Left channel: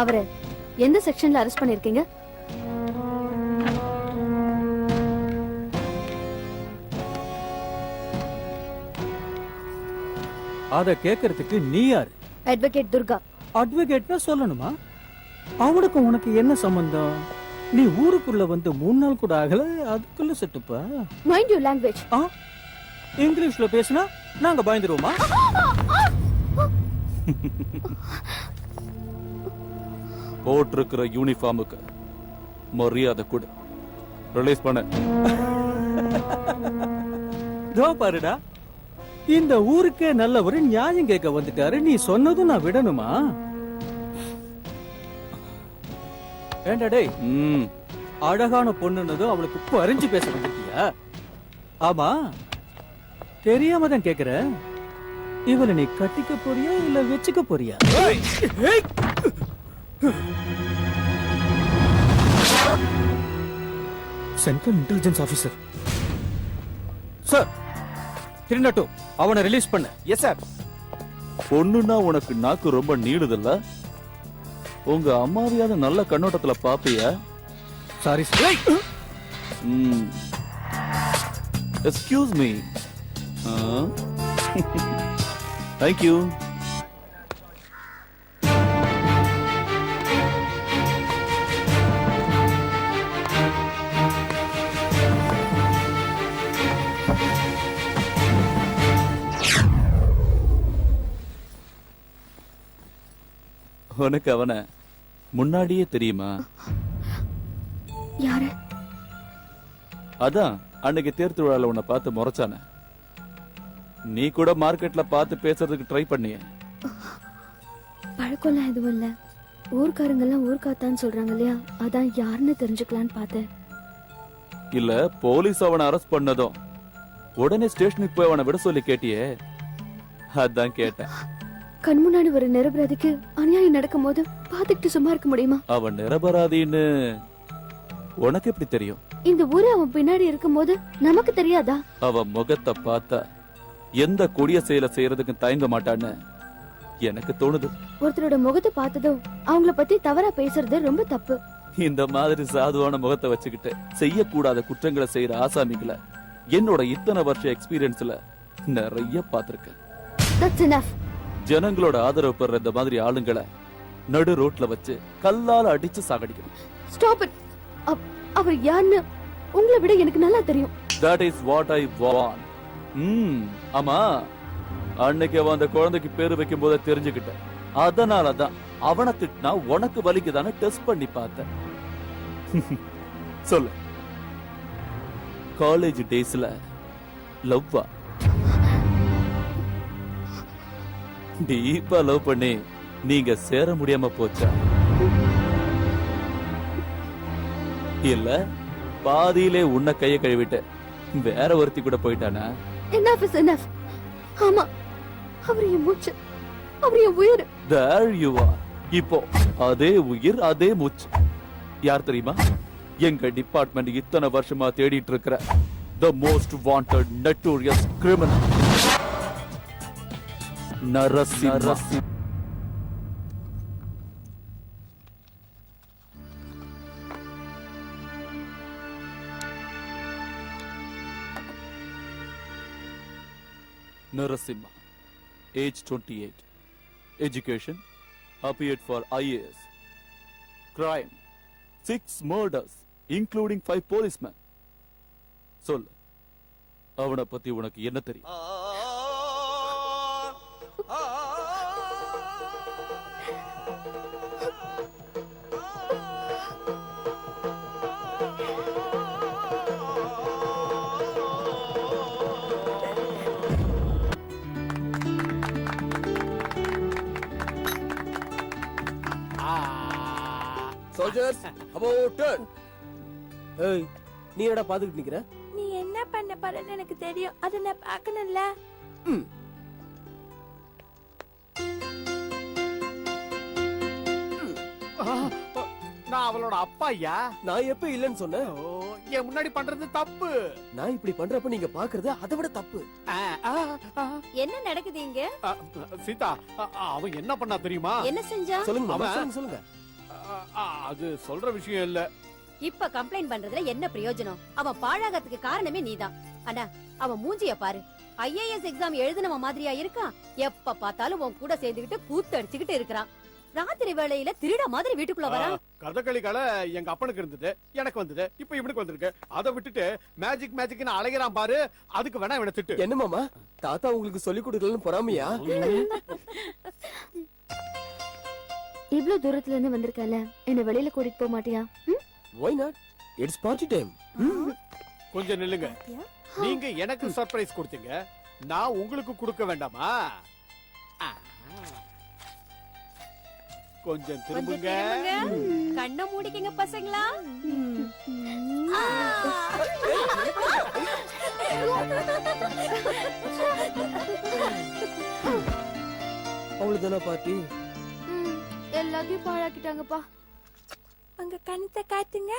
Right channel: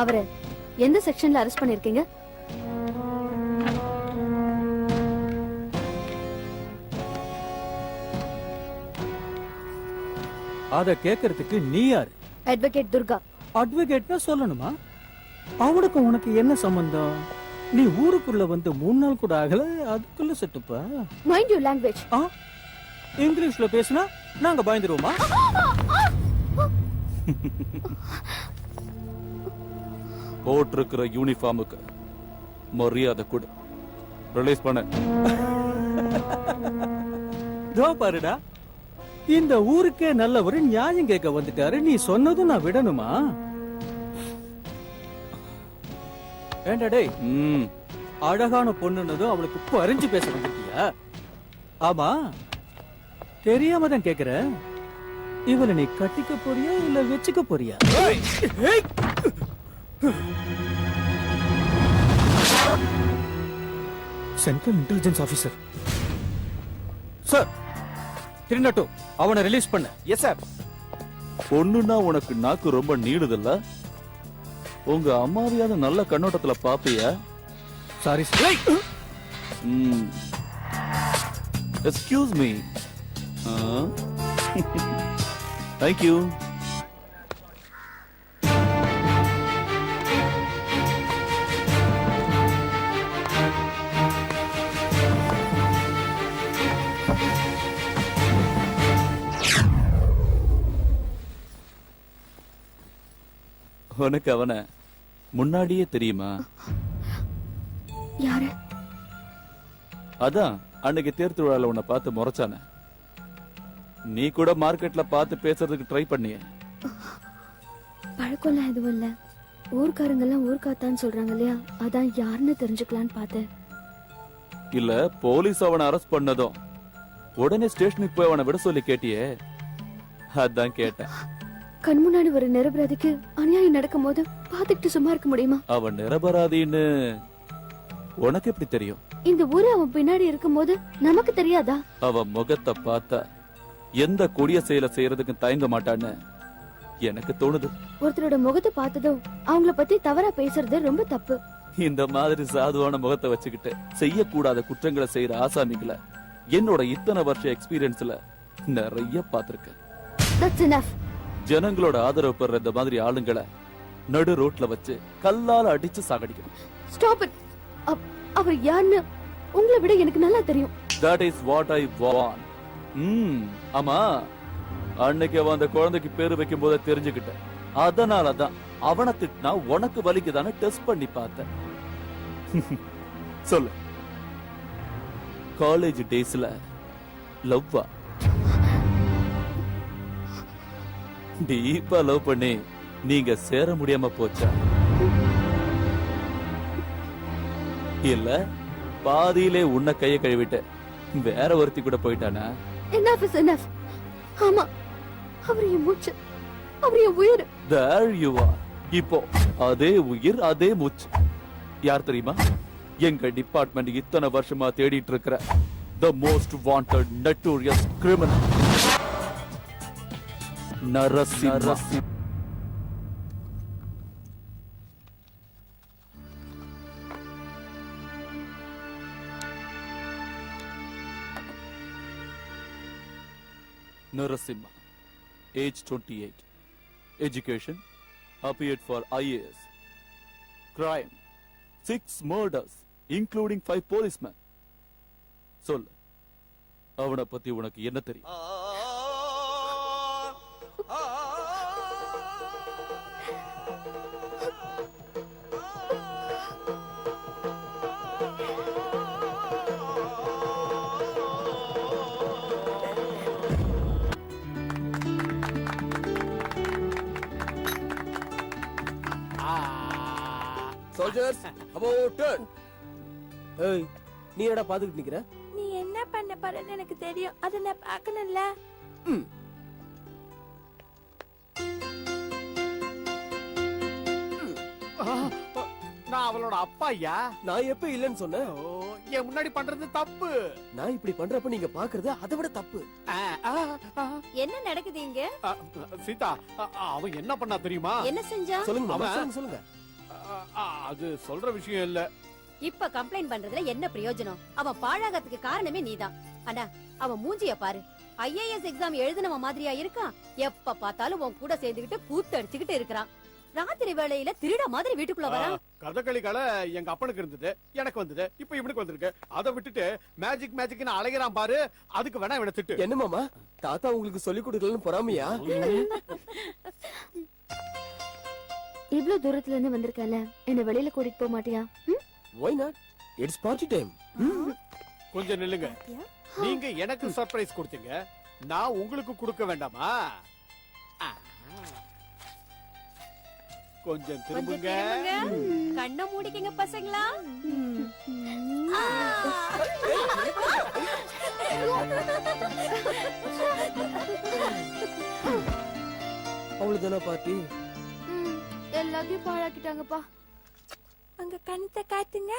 அவரை எந்த செக்ஷன்ல அரெஸ்ட் பண்ணிருக்கீங்க? அத கேக்குறதுக்கு நீ யாரு? அட்வொகேட் துர்கா. அட்வொகேட்னா சொல்லணுமா? அவனுக்கு உனக்கு என்ன சம்பந்தம்? நீ ஊருக்குள்ள வந்து 3 நாள் கூட ஆகல, அதுக்குள்ள செட்டுப்பா. Mind your language. இங்கிலீஷ்ல பேசினா நாங்க பயந்துருவோமா? போட்டிருக்கிற யூனிஃபார்முக்கு மரியாதை கொடு. ரிலீஸ் பண்ண. பாருடா, இந்த ஊருக்கே நல்ல ஒரு நியாயம் கேட்க வந்துட்டாரு. நீ சொன்னதும் நான் விடணுமா? ஏண்டா டேய், அழகான பொண்ணுன்னதும் அவளுக்கு பறிஞ்சு பேச வந்துட்டியா? ஆமா, தெரியாம தான் கேக்குறேன். இவனை நீ கட்டிக்க போறியா இல்ல வச்சுக்க போறியா? சென்ட்ரல் இன்டெலிஜென்ஸ் ஆபீசர் சார், திருநட்டும் அவனை ரிலீஸ் பண்ண. Yes sir. பொண்ணுன்னா உனக்கு நாக்கு ரொம்ப நீளுதில்ல? உங்க அம்மாவையான நல்ல கண்ணோட்டத்துல பாப்பிய? Sorry sir. Excuse me. Thank you. உனக்கு அவனை முன்னாடியே தெரியுமா? யாரு? அதான் அன்னைக்கு தேர் திருவிழால உன்னை பார்த்து முறைச்சான. நீ கூட மார்க்கெட்ல பார்த்து பேசுறதுக்கு ட்ரை பண்ணிய. பழக்கம்லாம் எதுவும் இல்ல. ஊர்க்காரங்க எல்லாம் ஊர்க்காத்தான்னு சொல்றாங்க இல்லையா, அதான் யாருன்னு தெரிஞ்சுக்கலான்னு பார்த்தேன். இல்ல, போலீஸ் அவனை அரெஸ்ட் பண்ணதும் உடனே ஸ்டேஷனுக்கு போய் அவனை விட சொல்லி கேட்டியே, அதான் கேட்டேன். கண் முன்னாடி ஒரு நிரபராதிக்கு அநியாயம் நடக்கும் போது பாத்துக்கிட்டு சும்மா இருக்க முடியுமா? அவன் நிரபராதின்னு உனக்கு எப்படி தெரியும்? இந்த ஊரு அவன் பின்னாடி இருக்கும் போது நமக்கு தெரியாதா? அவன் முகத்தை பார்த்தா எந்த கொடிய செயலை செய்யறதுக்கு தயங்க மாட்டான்னு எனக்கு தோணுது. ஒருத்தரோட முகத்தை பார்த்ததும் அவங்கள பத்தி தவறா பேசுறது ரொம்ப தப்பு. இந்த மாதிரி சாதுவான முகத்தை வச்சுக்கிட்டு செய்யக்கூடாத குற்றங்களை செய்யற ஆசாமிகளை என்னோட இத்தனை வருஷ எக்ஸ்பீரியன்ஸ்ல நிறைய பாத்திருக்கேன். That's enough. ஜனங்களோட ஆதரவு பெற இந்த மாதிரி ஆளுங்களை நடு ரோட்ல வச்சு கல்லால அடிச்சு சாகடிக்கணும். Stop it. அவர் யாருன்னு உங்களை விட எனக்கு நல்லா தெரியும். That is what I want. ஆமா, அன்னைக்கு அவன் அந்த குழந்தைக்கு பேரு வைக்கும் போது தெரிஞ்சுக்கிட்டேன். அதனாலதான் அவனை திட்டினா உனக்கு வலிக்குதானே டெஸ்ட் பண்ணி பார்த்தேன். சொல்லு, காலேஜ் டேஸ்ல லவ்வா? டீப்பா லவ் பண்ணி நீங்க சேர முடியாம போச்சா? இல்ல பாதியிலே உன்னை கைய கழுவிட்ட வேற ஒருத்தி கூட போயிட்டானா? Enough is enough. ஆமா, அவர் என் மூச்சு, அவர் என் உயிர். There you are. இப்போ அதே உயிர் அதே மூச்சு. யார் தெரியுமா? எங்க டிபார்ட்மெண்ட் இத்தனை வருஷமா தேடிட்டு இருக்கிற the most wanted notorious criminal, Narasimha. Narasimha, age 28, education, appeared for IAS, crime, 6 murders, including 5 policemen. சொல்லு, அவனை பத்தி உனக்கு என்ன தெரியும்? Soldiers, about turn. ஏய், நீ என்னடா பாத்துக்கிட்டு நிக்கிற? நீ என்ன பண்ண போறன்னு எனக்கு தெரியும். அத நான் பார்க்கணும்ல. நான் அவளோட அப்பா ஐயா. நான் எப்ப இல்லன்னு சொன்னேன்? என் முன்னாடி பண்றது தப்பு. நான் இப்படி பண்றப்ப நீங்க பாக்குறது அதை விட தப்பு. என்ன நடக்குது இங்க? சீதா, அவன் என்ன பண்ணா தெரியுமா? என்ன செஞ்சா? சொல்லுங்க மாமா, அவன் சொல்லுங்க. அது சொல்ற விஷயம் இல்ல. இப்ப கம்ப்ளைண்ட் பண்றதுல என்ன பிரயோஜனம்? அவன் பாழாகத்துக்கு காரணமே நீதான். அண்ணா, அவன் மூஞ்சிய பாரு. ஐஏஎஸ் எக்ஸாம் எழுதினவன் மாதிரியா இருக்கான்? எப்ப பார்த்தாலும் உன் கூட சேர்ந்துகிட்டு கூத்து அடிச்சுக்கிட்டு இருக்கிறான். ராத்திரி வேளையில திருட மாதிரி வீட்டுக்குள்ள வரா. கதகளி கலை எங்க அப்பனுக்கு இருந்தது, எனக்கு வந்தது, இப்ப இவனுக்கு வந்திருக்கு. அதை விட்டுட்டு மேஜிக் மேஜிக்னு அலைகிறான் பாரு. அதுக்கு வேணா இவனை திட்டு. என்ன மாமா, தாத்தா உங்களுக்கு சொல்லி கொடுக்கலன்னு பொறாமையா? இவ்ளோ தூரத்துல இருந்து வந்திருக்கல, என்ன வெளியில கூட்டிட்டு போக மாட்டியா? Why not? It's party time. கொஞ்சம் நில்லுங்க. நீங்க எனக்கு சர்ப்ரைஸ் கொடுத்தீங்க, நான் உங்களுக்கு கொடுக்க வேண்டாமா? கொஞ்சம் திரும்புங்க. கண்ணை மூடிக்கங்க பசங்களா. அவ்வளவுதானா பாட்டி? எல்லாத்தையும் பாழாக்கிட்டாங்கப்பா. உங்க கணத்தை காட்டுங்க.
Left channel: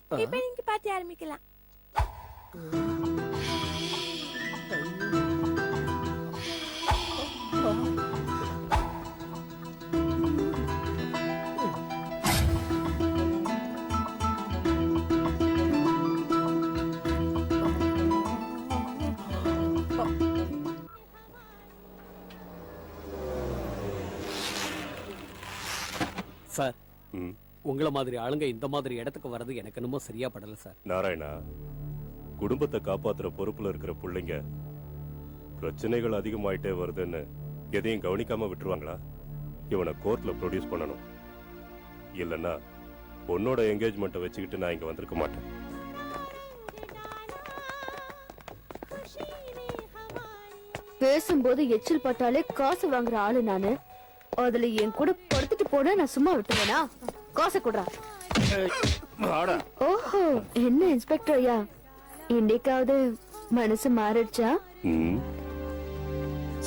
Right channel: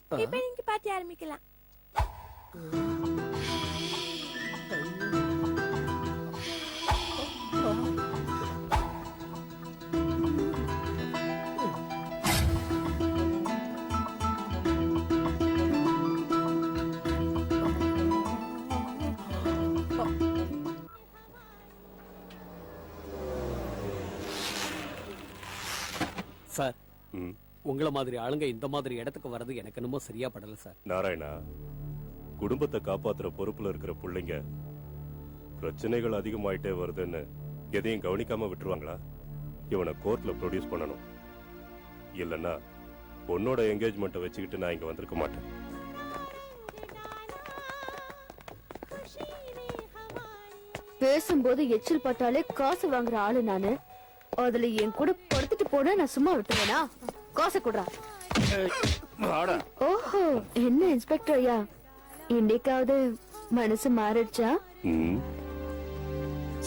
இப்ப நீங்க பாட்டி ஆரம்பிக்கலாம். சார், உங்கள மாதிரி ஆளுங்க இந்த மாதிரி இடத்துக்கு வர்றது எனக்கு என்னமோ சரியா படல சார். நாராயணா, குடும்பத்தை காப்பாத்துற பொறுப்புல இருக்கிற பிள்ளைங்க பிரச்சனைகள் அதிகமாயிட்டே வருதுன்னு எதையும் கவனிக்காம விட்டுருவாங்களா? இவனை கோர்ட்ல ப்ரொடியூஸ் பண்ணணும். இல்லன்னா பொண்ணோட என்கேஜ்மெண்ட்டை வச்சுக்கிட்டு நான் இங்க வந்திருக்க மாட்டேன். பேசும்போது எச்சில் பட்டாலே காசு வாங்குற ஆளு நானு. அதுல என் கூட படுத்துட்டு போனா நான் சும்மா விட்டுவேனா? காசை கொடுறா. ஓஹோ, என்ன இன்ஸ்பெக்டர் ஐயா, இன்னைக்காவது மனசு மாறிடுச்சா?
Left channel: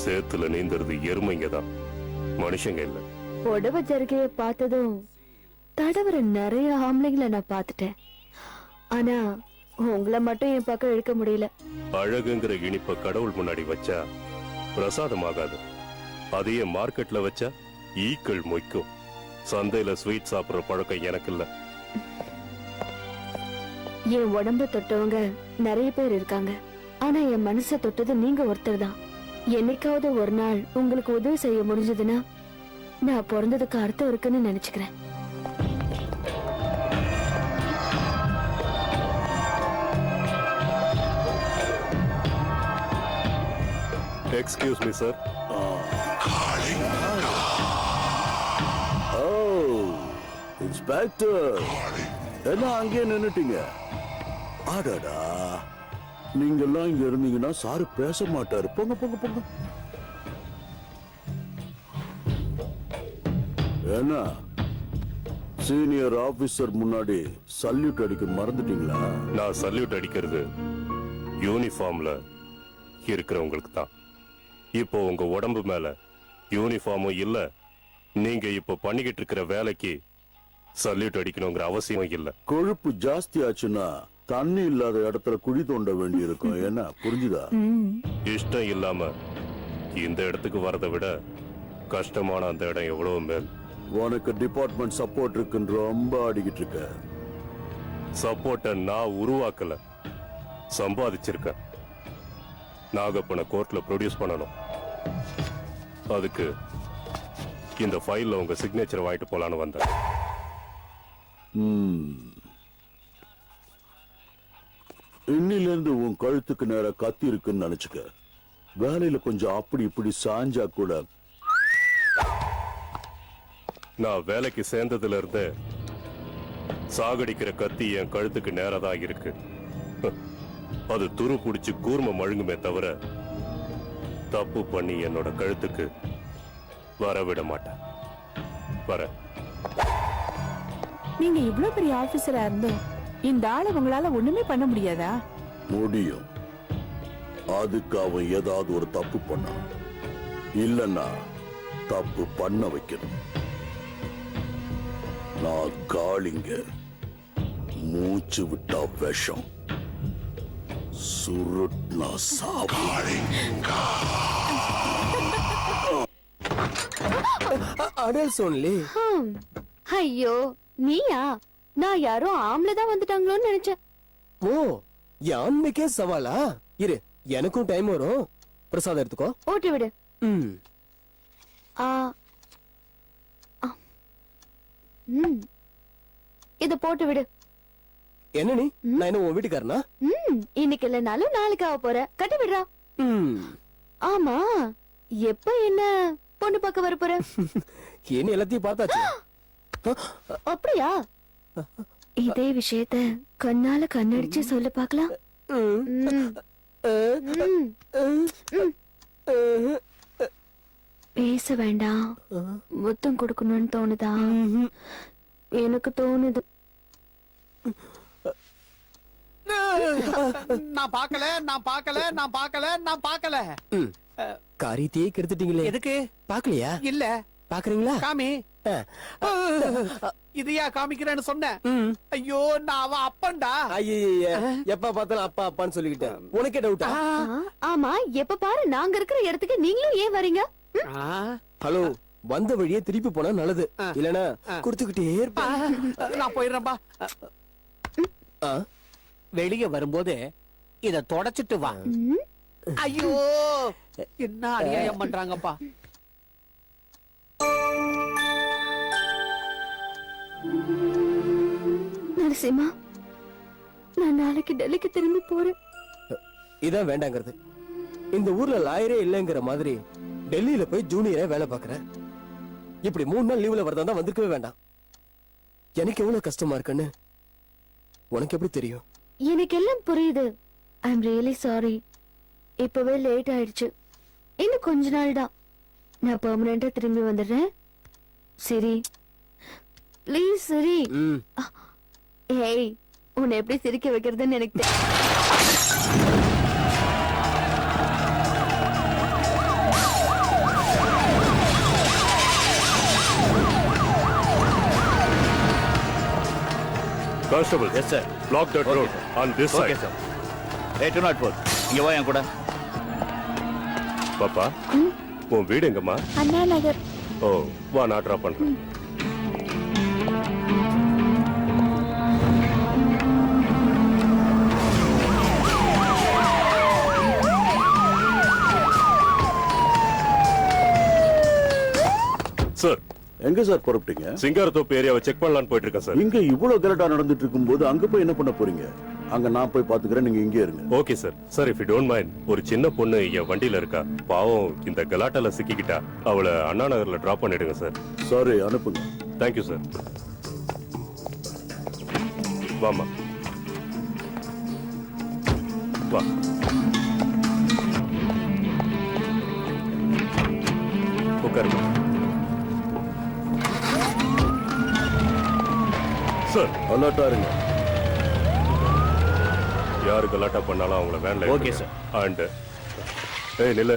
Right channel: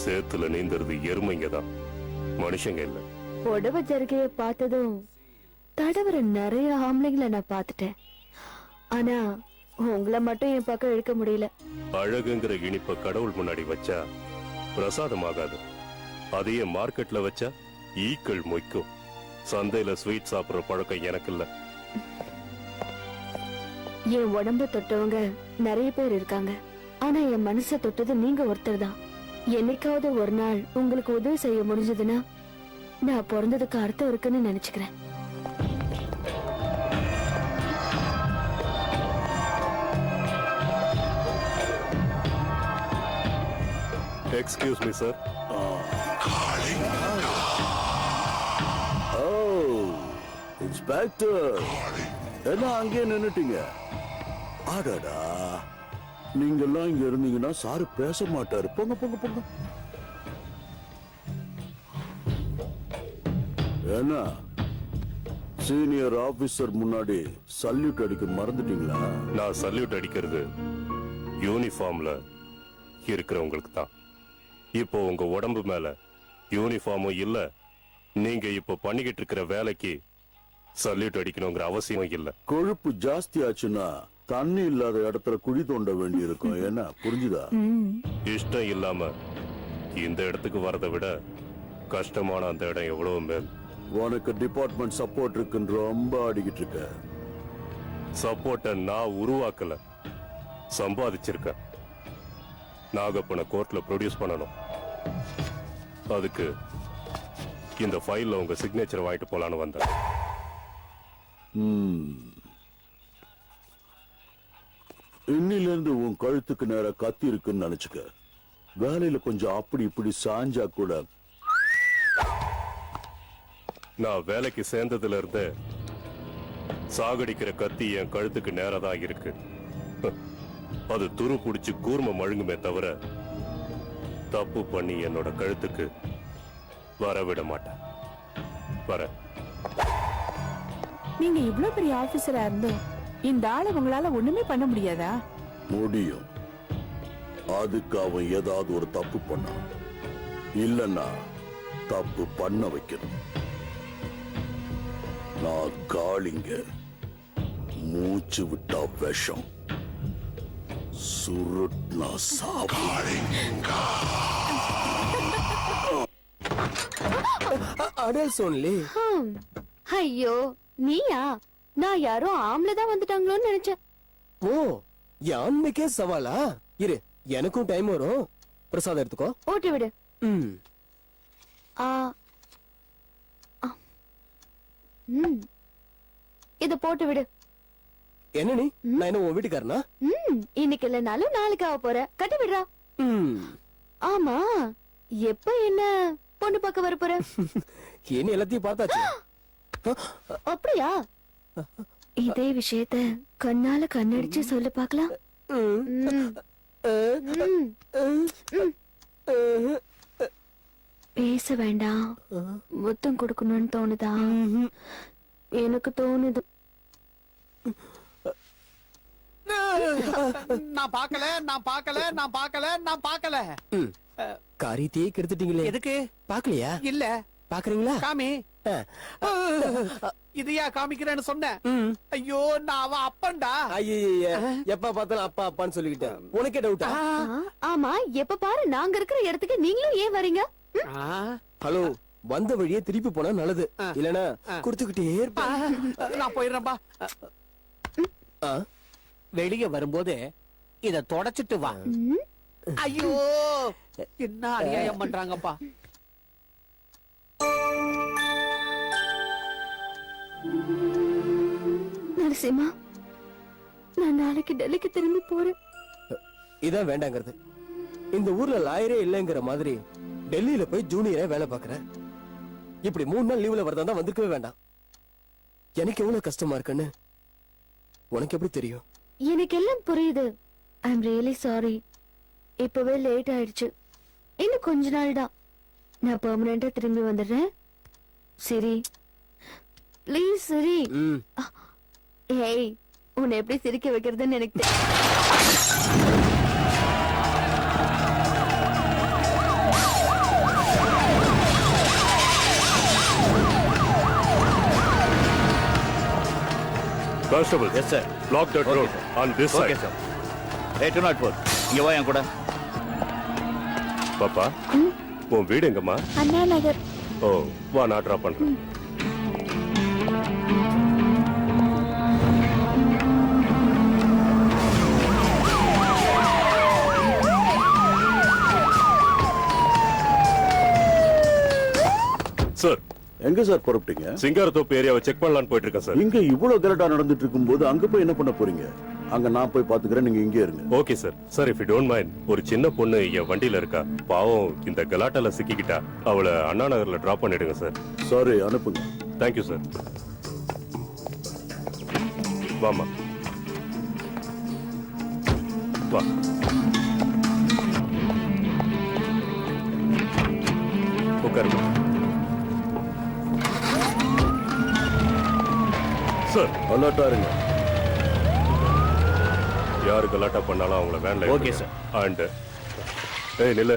சேத்துல நீந்துறது எருமைங்க தான், மனுஷங்க இல்ல. புடவை ஜருகைய பார்த்ததும் தடவர நிறைய ஆம்பளைங்களை நான் பார்த்துட்டேன். ஆனா உங்களை மட்டும் என் பக்கம் இழுக்க முடியல. அழகுங்கிற இனிப்ப கடவுள் முன்னாடி வச்சா பிரசாதமாகாது. அதையே மார்க்கெட்ல வச்சா ஈக்கள் மொய்க்கும். சந்தையில ஸ்வீட் சாப்பிடுற பழக்கம் எனக்கு இல்ல. என் உடம்பு தொட்டவங்க நிறைய பேர் இருக்காங்க. ஆனா என் மனசை தொட்டது நீங்க ஒருத்தர் தான். என்னைக்காவது ஒரு நாள் உங்களுக்கு உதவி செய்ய முடிஞ்சதுன்னா நான் பிறந்ததுக்கு அர்த்தம் இருக்குன்னு நினைச்சுக்கிறேன். Excuse me sir. இன்ஸ்பெக்டர், என்ன அங்கே நின்னுட்டீங்க? ஆடாடா, நீங்க எல்லாம் இங்க இருந்தீங்கன்னா சாரு பேச மாட்டாரு. போங்க போங்க போங்க. என்ன சீனியர் ஆபீசர் முன்னாடி சல்யூட் அடிக்க மறந்துட்டீங்களா? நான் சல்யூட் அடிக்கிறது யூனிஃபார்ம்ல இருக்கிறவங்களுக்கு தான். இப்போ உங்க உடம்பு மேல யூனிஃபார்மும் இல்ல, நீங்க இப்ப பண்ணிக்கிட்டு இருக்கிற வேலைக்கு சல்யூட் அடிக்கணுங்கிற அவசியம் இல்ல. கொழுப்பு ஜாஸ்தி ஆச்சுன்னா தண்ணி இல்லாத இடத்துல குழி தோண்ட வேண்டி இருக்கும். என்ன புரிஞ்சுதா? இஷ்டம் இல்லாம இந்த இடத்துக்கு வரதை விட கஷ்டமான அந்த இடம் எவ்வளவு மேல். உனக்கு டிபார்ட்மெண்ட் சப்போர்ட் இருக்குன்னு ரொம்ப ஆடிக்கிட்டு இருக்க. சப்போர்ட்ட நான் உருவாக்கல, சம்பாதிச்சிருக்கேன். நாகப்பனை கோர்ட்ல ப்ரொடியூஸ் பண்ணணும். அதுக்கு இந்த ஃபைல்ல உங்க சிக்னேச்சர் வாங்கிட்டு போலான்னு வந்தேன். இன்னில இருந்து உன் கழுத்துக்கு நேர கத்தி இருக்குன்னு நினைச்சுக்க. வேலையில கொஞ்சம் அப்படி இப்படி சாஞ்சா கூட. நான் வேலைக்கு சேர்ந்ததுல இருந்து சாகடிக்கிற கத்தி என் கழுத்துக்கு நேரதான் இருக்கு. அது துரு புடிச்சு கூர்ம மழுங்குமே தவிர தப்பு பண்ணி என்னோட கழுத்துக்கு வரவிட மாட்டேன். வர நீங்க இவ்வளவு பெரிய ஆபீசரா இருந்தோம் இந்த ஆளை உங்களால ஒண்ணுமே பண்ண முடியாதா? முடியும். அதுக்கு அவன் ஏதாவது ஒரு தப்பு பண்ணான். இல்லன்னா தப்பு பண்ண வைக்கணும். நான் காளிங்க. மூச்சு விட்டா விஷம், சுருட்னா சாவாரி. Adults only. ஐயோ நீயா? நான் யாரோ ஆம்பளை தான் வந்துட்டாங்களோன்னு நினைச்சேன். ஓ என் ஆண்மைக்கே சவாலா? இரு, எனக்கும் டைம் வரும். பிரசாதம் எடுத்துக்கோ. போட்டு விடு. ம். ஆ. ஆ. இத போட்டு விடு. என்ன நீ? நான் என்ன உன் வீட்டுக்காரனா? இன்னைக்கு இல்லனாலும் நாளைக்கு ஆக போற. கட்டி விடுறா. ஆமா, எப்ப என்ன பொண்ணு பார்க்க வர போற? என்ன எல்லாத்தையும் பார்த்தாச்சு. அப்படியா? இதே விஷயத்த கண்ணால கண்ணடிச்சு சொல்ல பாக்கலாம். பேச வேண்டாம். முத்தம் கொடுக்கணும்னு தோணுதா? எனக்கு தோணுது. நான் பார்க்கல, நான் பார்க்கல, நான் பார்க்கல, நான் பார்க்கல. காரியத்தையே கெடுத்துட்டீங்களே. எதுக்கு? பாக்கலையா? இல்ல. பாக்குறீங்களா? காமி. இதையா காமிக்கிறேன்னு சொன்னேன். ஐயோ, நான் அவன் அப்பன்டா. ஐய, எப்ப பார்த்தாலும் அப்பா அப்பான்னு சொல்லிக்கிட்டேன். உனக்கே டவுட்டா? ஆமா, எப்ப பாரு நாங்க இருக்கிற இடத்துக்கு நீங்களும் ஏன் வரீங்க? ஹலோ, வந்த வழியே திருப்பி போனா நல்லது. இல்லனா கொடுத்துக்கிட்டே இருப்பேன். நான் போயிடுறேன்பா. வெளிய வரும்போது இத தொடச்சிட்டு வா. ஐயோ, என்ன அநியாயம் பண்றாங்கப்பா. நரசிம்மா, நான் நாளைக்கு டெல்லிக்கு திரும்பி போறேன். இதான் வேண்டாங்கிறது. இந்த ஊர்ல லாயரே இல்லைங்கிற மாதிரி டெல்லியில போய் ஜூனியரா வேலை பாக்குறேன். இப்படி 3 நாள் லீவ்ல வரதா வந்திருக்கவே வேண்டாம். எனக்கு எவ்வளவு கஷ்டமா இருக்குன்னு உனக்கு எப்படி தெரியும்? எனக்கு எல்லாம் புரியுது. I am really sorry. இப்பவே லேட் ஆயிடுச்சு. இன்னும் கொஞ்ச நாள் தான். நான் பெர்மனண்டா திரும்பி வந்துடுறேன். சரி, ப்ளீஸ் சரி. ஏய், உன்னை எப்படி சிரிக்க வைக்கிறதுன்னு எனக்கு தெரியும். Constable, Yes, sir. block that road on this Okay, side. sir. Hey, 204. இங்க வா என் கூட. பாப்பா, உன் வீடு எங்கம்மா? அண்ணா நகர். ஓ, வா நான் ட்ராப் பண்றேன். சார், எங்க சார் புறப்பட்டீங்க? சிங்காரத்தோப்பு ஏரியாவை செக் பண்ணலான்னு போயிட்டு இருக்கேன் சார். இங்க இவ்வளவு கரெக்டா நடந்துட்டு இருக்கும்போது அங்க போய் என்ன பண்ண போறீங்க? அங்க நான் போய் பாத்துக்கிறேன், நீங்க இங்கே இருங்க. Okay sir. Sir, if you don't mind, ஒரு சின்ன பொண்ணு என் வண்டியில இருக்கா. பாவம், இந்த கலாட்டால சிக்கிக்கிட்டா. அவளை அண்ணா நகர்ல டிராப் பண்ணிடுங்க சார். சாரி, அனுப்புங்க. Thank you sir. வாமா, வா. உட்காருங்க சார். அலர்ட்டா இருங்க. யாரு கலாட்டா பண்ணாலும் அவங்கள வேன்ல Okay, sir. அண்ட் ஏய் நில்ல.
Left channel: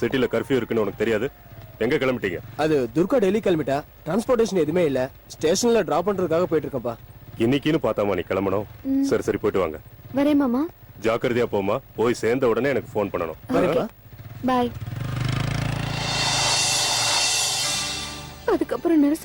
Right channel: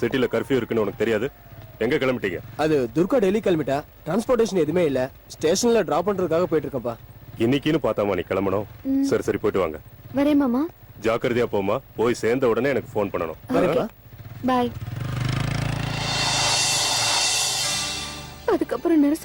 சிட்டில கர்ஃபியூ இருக்குன்னு உனக்கு தெரியாது? எங்க கிளம்பிட்டீங்க? அது துர்கா டெல்லி கிளம்பிட்டா. டிரான்ஸ்போர்டேஷன் எதுவுமே இல்ல. ஸ்டேஷன்ல டிராப் பண்றதுக்காக போயிட்டு இருக்கேன்ப்பா. இன்னைக்குன்னு பார்த்தாமா நீ கிளம்பணும். சரி சரி, போயிட்டு வாங்க. வரேன் மாமா. ஜாக்கிரதையா போமா. போய் சேர்ந்த உடனே எனக்கு ஃபோன் பண்ணணும். வரேன்ப்பா. பாய். அதுக்கப்புறம் நரசிம்மா